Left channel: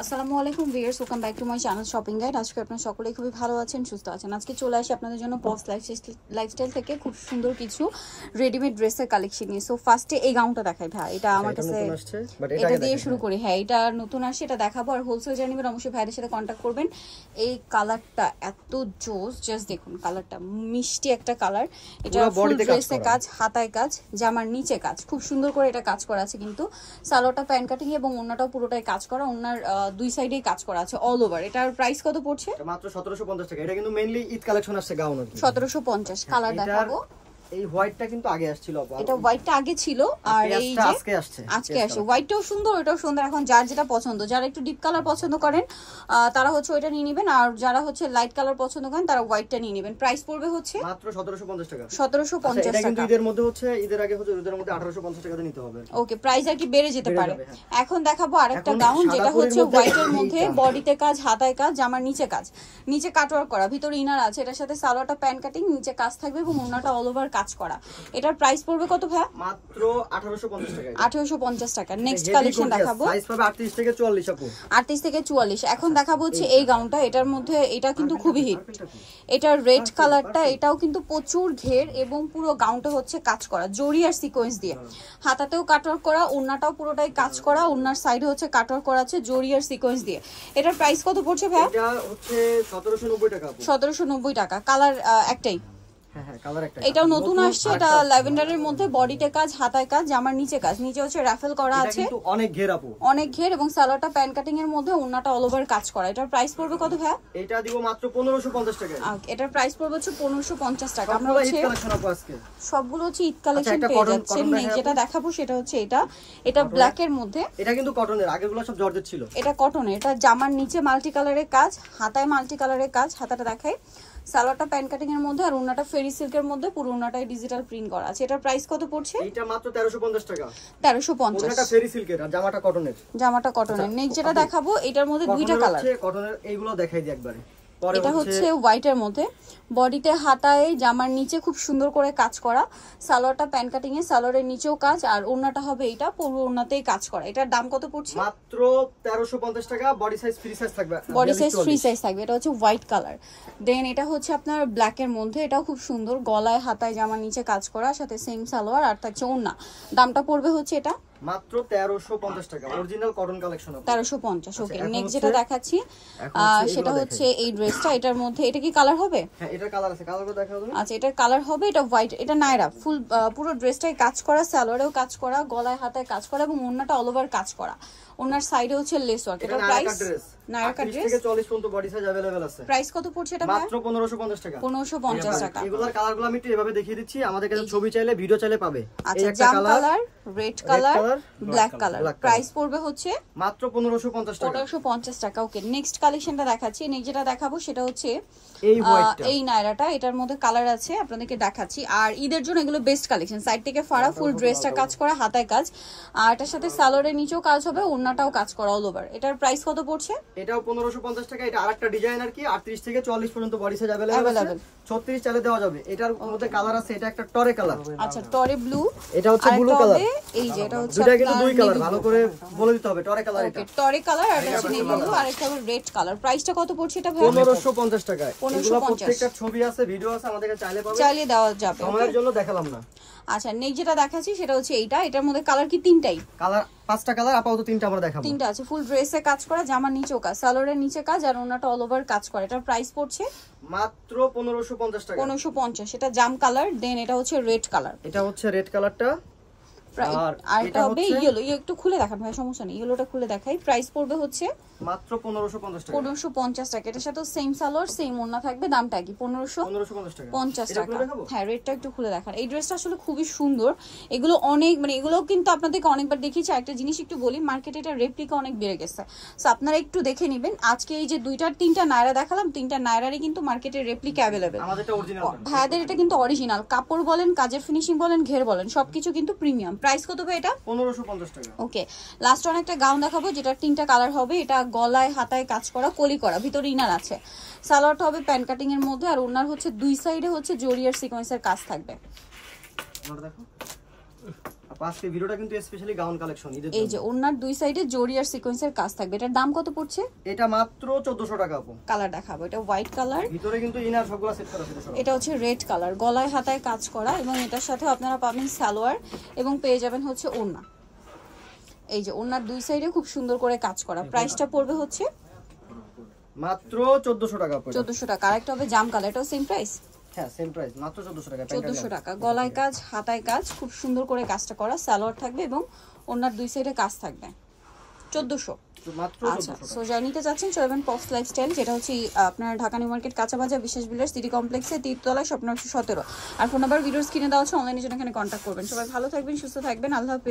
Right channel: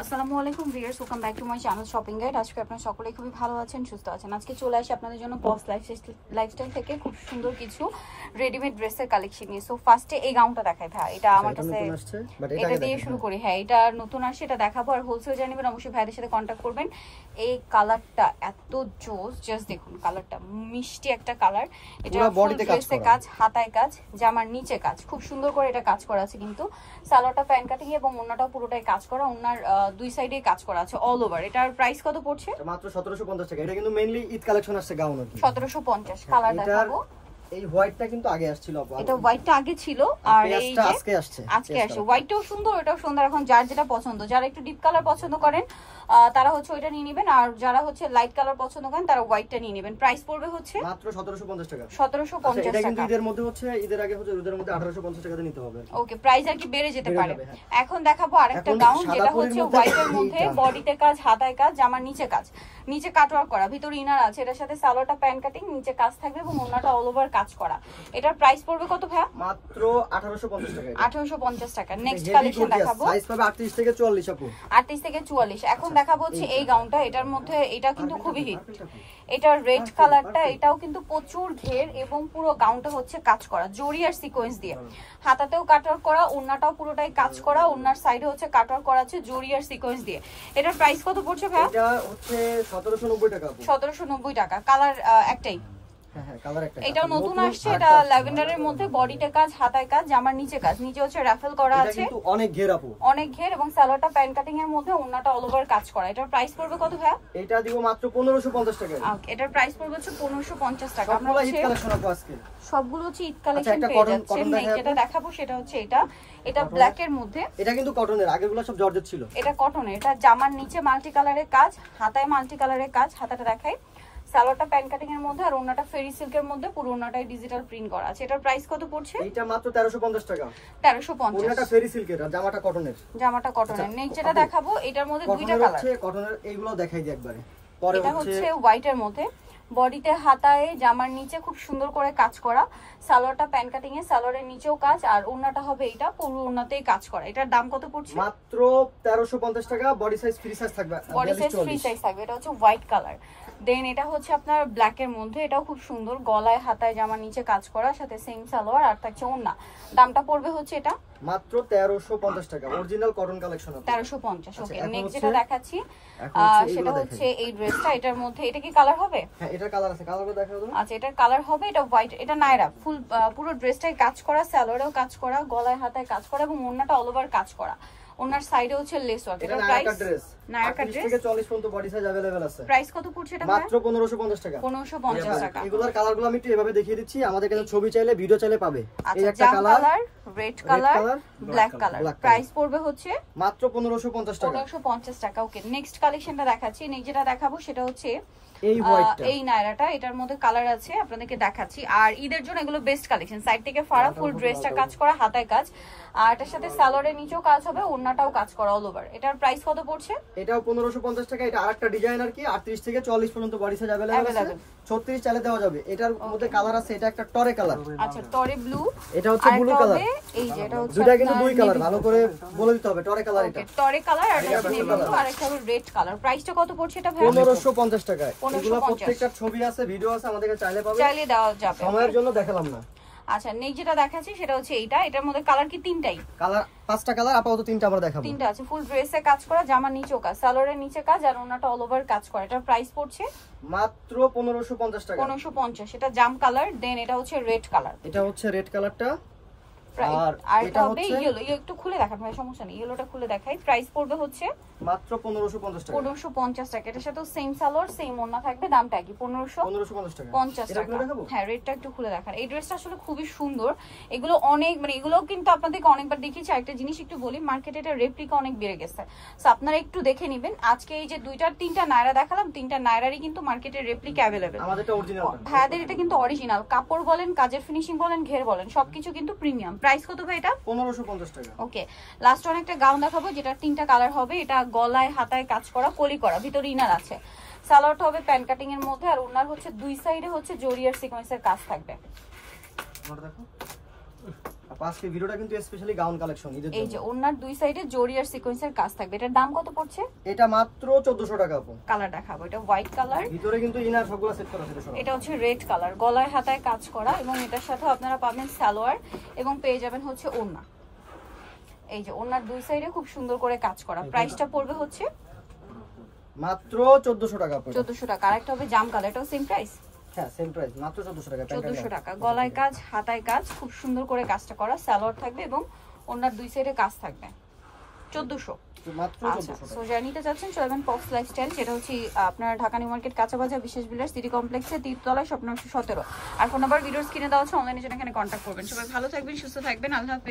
আসসালামু আলাইকুম viewers, welcome back to my channel shopping guide. আজকে আপনারা সকলেই খুবই ভালো আছেন, সুস্থ আছেন। আজকে চলে আসি আপনাদের জন্য পজ লাইফস্টাইল থেকে খুব সুন্দর কিছু রেডিমেড ড্রেসের কালেকশন নিয়ে। সো ফার্স্টে এই গাউনটা দেখাই ভাই, এটা আমার কাছে এটা দিয়ে শুরু করি। হ্যাঁ, এটা নতুন আসছে, এটা দেখাবো। আর হোলসেল জার্নি নেবেন অবশ্যই ভাইদের সাথে কন্ট্যাক্ট করবেন। এই কালারটা এত জোস, জাস্ট দেখুন কালারটা, মিষ্টি একটা কালার। এটা বডিতে কাজ, হাতায় কাজ, জামার নিচে কাজ, খুব সুন্দর করে এটা কাজ করা আছে। কিন্তু সালোয়ারটা প্যান্ট কাটিং এবং ওন্নাটাও পুরোটাই কাজ করা, ওন্নার দুই সাইডেই কাজ করা আছে অল ওভার। এটার প্রাইস কত পড়ছে? মাত্র 1750 টাকা। এটা কিন্তু মেইনলি ঈদ কালেকশন আসছে গাউন আর কি। 1750। কালার দেখাবো। এই হোয়াইটটা কিন্তু আগে আসছিল আপু। এটা হোয়াইটটা আগে ছিল আর এইটা আজকে আসছে। হোয়াইটটাও সুন্দর, এটাও সুন্দর। এখন যার যেটা পছন্দ, যারা একটু ডিপ কালার পছন্দ করেন তারা হচ্ছে ওইটা নিয়ে নেবেন, আর যারা হচ্ছে লাইট কালার পছন্দ করেন তারা হোয়াইটটা নিয়ে নেবেন। প্রাইস পড়বে হচ্ছে মাত্র 1750 টাকা। 1750 এটা কিন্তু ঈদের মধ্যে হচ্ছে, ঈদের আগে হচ্ছে, ঈদের মধ্যে 1850 টাকাতে নিতে হবে। ওকে, প্রাইস আর কি বেড়ে যেতে পারে। এখন দেখাবো আরেকটা গাউন, যেটা হচ্ছে হোয়াইটের মধ্যে বডিতে কাজ, হাতায় কাজ, জামার নিচে কাজ, নিচে কাটওয়ার্ক করা, ভিতরে ইনার আছে। এটার সাথে সালোয়ারটা প্যান্ট কাটিং, নিচে কাজ থাকবে এবং ওন্নাটা অল ওভার কাজ করা। এটার প্রাইস পড়বে কত ভাই? মাত্র 1850 টাকা। 1850 টাকা। নেক্সট কালেকশন দেখাবো। সাইজ পাবে 38 থেকে 44 আপু। 38 থেকে 44। এখন দেখাবো হচ্ছে এই গাউনটা। এটার মধ্যে এটা কিন্তু খুবই হিট। এটার রেড কালারটা, এটাও কিন্তু প্রচুর ঘের এবং পুরো গাউনটা হচ্ছে কাজ করা জরি আর সিকোয়েন্স দিয়ে। হাতাতেও কাটওয়ার্ক করা, ওন্নাটাও পুরোটাই কাজ করা, ওন্নার সাইডে হচ্ছে কাটওয়ার্ক করা আছে জরি আর সিকোয়েন্স দিয়ে। এটার প্রাইস কত পড়ছে ভাই? এটা হচ্ছে 1790 টাকা আপু। 1790 টাকা। কালার একটাই। হ্যাঁ, কালার একটা। এটাও নতুন আসছে, এটা ল্যাভেন্ডারের মধ্যে বডিতে কাজ, হাতায় কাজ, জামার নিচে কাজ, নিচে হচ্ছে রাফেল করা আছে। এটা কিন্তু অনেক ঘের আপু, অনেক ঘের, এবং সালোয়ারটা প্যান্ট কাটিং এর মধ্যে ওন্নাটা অল ওভার কাজ করা। এটার প্রাইস পড়বে কত ভাই? এটা দিব মাত্র 1550 টাকা। এটার প্রাইস পড়বে হচ্ছে 1550 টাকা। আমরা ঈদ কালেকশন আপু আজকে সবগুলো হচ্ছে ঈদ কালেকশন পেয়ে যাচ্ছেন। যেটা দেখাবো সেটা হচ্ছে এটা ব্ল্যাক এর মধ্যে। এটা কিন্তু কটনের, আগেগুলো সব জর্জেট ছিল। এটা কটনের। এটা জামার নিচে মাল্টি কালারের কাজ, হাতায় মাল্টি কালারের কাজ, হাতাটা দেখাই। সালোয়ারটা প্যান্ট কাটিং এর মধ্যে আর ওন্নাটা ফেরি সিল্কের মধ্যে, পুরো ওন্নাটাই ডিজিটাল প্রিন্ট করা আছে। এটার প্রাইস কত পড়ছে? এটা মাত্র 1350 টাকা। 1350। ওন্নাটা ফেরি সিল্কের আর জামাটা কটনের। জামাটা কটনের। নেক্সট যেটা দেখাবো, এটার মধ্যে দুইটা কালার আছে। কটনের এইগুলো দেখাই দিই একবারে। পরে এটা হচ্ছে হোয়াইটের মধ্যে, বডিতে হাতায় জামার নিচে খুব সুন্দর করে কাজ করা, সালোয়ারটা প্যান্ট কাটিং এ, সালোয়ারের নিচেও কাজ, আর ওন্নাটা হবে এটা পুরো ওন্নাতেই কাজ করা। এটার দাম কত পড়ছে? মাত্র 1350 টাকা। বডি সাইজ ফ্রি সাইজ থাকবে, বডি সাইজ ফ্রি সাইজ থাকবে। এটা হচ্ছে হোয়াইট কালার। দেন এটা হচ্ছে আপনার ব্ল্যাক এর মধ্যে, এটাও খুব সুন্দর, গলায় হাতায় জামার নিচে কাজ করা, সাথে সেম সালোয়ার আর থাকছে ওন্না। দামটা পড়বে হচ্ছে এটা মাত্র 1350 টাকা। Original cotton collection 1350। ওকে, নেক্সট যেটা দেখাচ্ছি সেটা হচ্ছে এই ড্রেসটা। এটার মধ্যে এটা কি কালার হবে? হ্যাঁ, এটার কালার আছে। কালারটা দেখাবো। আচ্ছা, এটার কালার হবে, এটা হোয়াইট। এটা নায়রা ফুল, পুরো ড্রেসটাই কাজ করা, সালোয়ারেও কাজ করা, গলায় হাতায় কাজ করা এবং ওন্নাটা অল ওভার কাজ করা। ওনার সাইডে হচ্ছে লেস ওয়ার্ক। এটা নায়রা ড্রেস। নায়রা ড্রেস থেকে 40 পর্যন্ত বডি সাইজ अवेलेबल আছে। প্রাইস কত পড়ছে এটা? মাত্র 1550 টাকা। 1550 টাকা। এগুলোর কালারগুলো আমি একটু এভাবে দেখিয়ে দিচ্ছি, আমাদের কাছে ছবি চাইলে ভিডিও চাইলে পাবে। এই একটা colour, red colour, black colour. Price পড়বে হচ্ছে মাত্র 1550 টাকা। 1550 টাকা। ওকে, নেক্সট কালেকশনটা দেখাচ্ছি। নেক্সট যেটা দেখাবো সেটা হচ্ছে এই হোয়াইটটা, এই নায়রাটা। এটার মধ্যে কালার আছে, আপনাদেরকে দেখাচ্ছি। আর ঈদের জন্য এগুলো বেস্ট কালেকশন। সাইড থেকে ফাড়া, ফুল ড্রেসটা কাজ করা, হাতায় কাজ, আর এটার সাথে সালোয়ারের নিচেও কাজ হবে, ওন্নাটাও কাজ করা অল ওভার। এটার প্রাইস কত পড়ছে? এটাও 1550 টাকা। এটা আরেকটা ডিজাইন আর কি। 38 থেকে 40 পর্যন্ত বডি সাইজ अवेलेबल আছে। 36 চালে দেওয়া যাবে। এটার মধ্যে কালার আছে। এটা একটা টরে কালার। আচ্ছা, টরে ব্লু। এটা হচ্ছে ব্লু কালার। এই যে এটা হচ্ছে দুটো কিন্তু দুই কালার, ভালো করে বলে দিতে হবে। টরে কালার, এটা টরে কালার, আর এটা হচ্ছে ব্লু, আর এটা হচ্ছে রেড কালার। প্রাইসটা কত পড়ছে এটা ভাই? 1550 টাকা। এগুলো প্রত্যেকটা ছবি আছে, ভিডিও আছে, আমাদের কাছে চাইলে পাবে, চাইলে দেওয়া যাবে। সময়ের জন্য দেখালাম না। আচ্ছা, নেক্সট যেটা দেখাচ্ছি সেটা হচ্ছে এইটা। এটার মধ্যে কালার কি তিনটাই? কালার 5টা কালার, আপাতত 3টা আমরা দেখাবো। 3টা আছে। ফুল ড্রেসে কাজ করা, জামার নিচেও কাজ, সালোয়ারের নিচে কাজ, আর ওন্নাটা অল ওভার কাজ করা। এটার প্রাইস পড়ছে মাত্র 1550 টাকা। 1550। এটা জাম কালার। দেন এটা হচ্ছে রেড কালার। এটা হচ্ছে রেড কালারটা। আর এটা হবে ইয়েলো। একটু খুলে দেখান ভাই, সমস্যা নেই, ইয়েলোটা খুলে দেখাই। প্রাইস পড়বে হচ্ছে মাত্র 1550 টাকা। 1550 টাকা। এটার সাথে সেম সালোয়ার, সেম ওন্না থাকবে। দামটা কি? 1550 টাকা। 50 টাকা। হ্যাঁ, রেডটা একটু খুলে দেখান। এই ড্রেসটা আসলে খুবই সুন্দর। এগুলো অনেক, মানে এগুলো কিন্তু আপনাদেরকে অনেকবার দেখিয়েছি। একটা জিনিস একটু বলি, মার্কেটে এটা রেপ্লিকা অনেক বেড়ে গেছে। সো আপনারা একটু দেখে নেবেন। আজকে এই যে 2-3টা নায়রা দেখালাম, 3টা নায়রারই কিন্তু মার্কেটে রেপ্লিকা अवेलेबल। আমাদেরটা অরিজিনাল। ভাইদের এটা কিন্তু অরিজিনাল। কাপড় বলেন, কাজের ফিনিশিং বলেন, ঘের বলেন, সবকিছু কিন্তু প্রিমিয়াম। প্রাইস কত ভাই এটা? 1550 টাকা। ওকে, লাস্ট অনেকটা গাউন দেখাবো, যেটা 3টা কালার হবে। এটা গলায় হাতায় কাজ করা, কলি করা, ভিতরে ইনার আছে। সালোয়ারটা হবে প্যান্ট কাটিং এর মধ্যে, আর ওনার হচ্ছে দুই সাইডে হচ্ছে জরি আর সিকোয়েন্সের কাজ থাকবে। দেখো আজকে ভিডিওটা কিন্তু স্পেশালি গাউন কালেকশন ঈদের জন্য। এই যে ওনার দুই সাইডে জরি আর সিকোয়েন্সের কাজ থাকবে। এটার দাম কত পড়ছে? এটা মাত্র 1400 টাকা আপু। কালার দেখাবো, এটা হোয়াইট কালার, ভিতরে কিন্তু ইনার সবগুলা সেট করা আছে। এটা হচ্ছে রেড কালার, গলায় হাতায় কাজ করা এবং এটার সাথে আপনারা পাবেন সালোয়ার এবং পেয়ে যাবেন হচ্ছে ওড়না। এই যে ওড়নার দুই সাইডে খুব সুন্দর করে কাজ করা। প্রাইসটা পড়বে হচ্ছে মাত্র 1400 টাকা পড়বে। 1400 টাকা। আরেকটা হবে জাম কালার, এটাও সেম প্রাইস। হ্যাঁ সেম প্রাইস, মাত্র 1400 টাকা। 1400 টাকা। গলায় কাজ, হাতায় কাজ, খুব সুন্দর করে কাজটা করা, সালোয়ার থাকবে এবং ওড়নার দুই সাইডে কাজ থাকবে। 1400 মাত্র 1400 টাকা। সো জার্নিতে যাচ্ছেন চলবেন পপস লাইফস্টাইল, যেটা হচ্ছে আপনার ঢাকা নিউ মার্কেট কাঁচাবাজার বিশ্বাস বিলাস সিটি কমপ্লেক্সে 3 তলায় স্বপ্ন 17। আর ফোন নাম্বার ভিডিওর স্ক্রিনে দেওয়া আছে, অনলাইনে জন্য এখানে কন্ট্যাক্ট করবেন। সবাই ভালো থাকবেন, সুস্থ থাকবেন, আল্লাহ হাফেজ।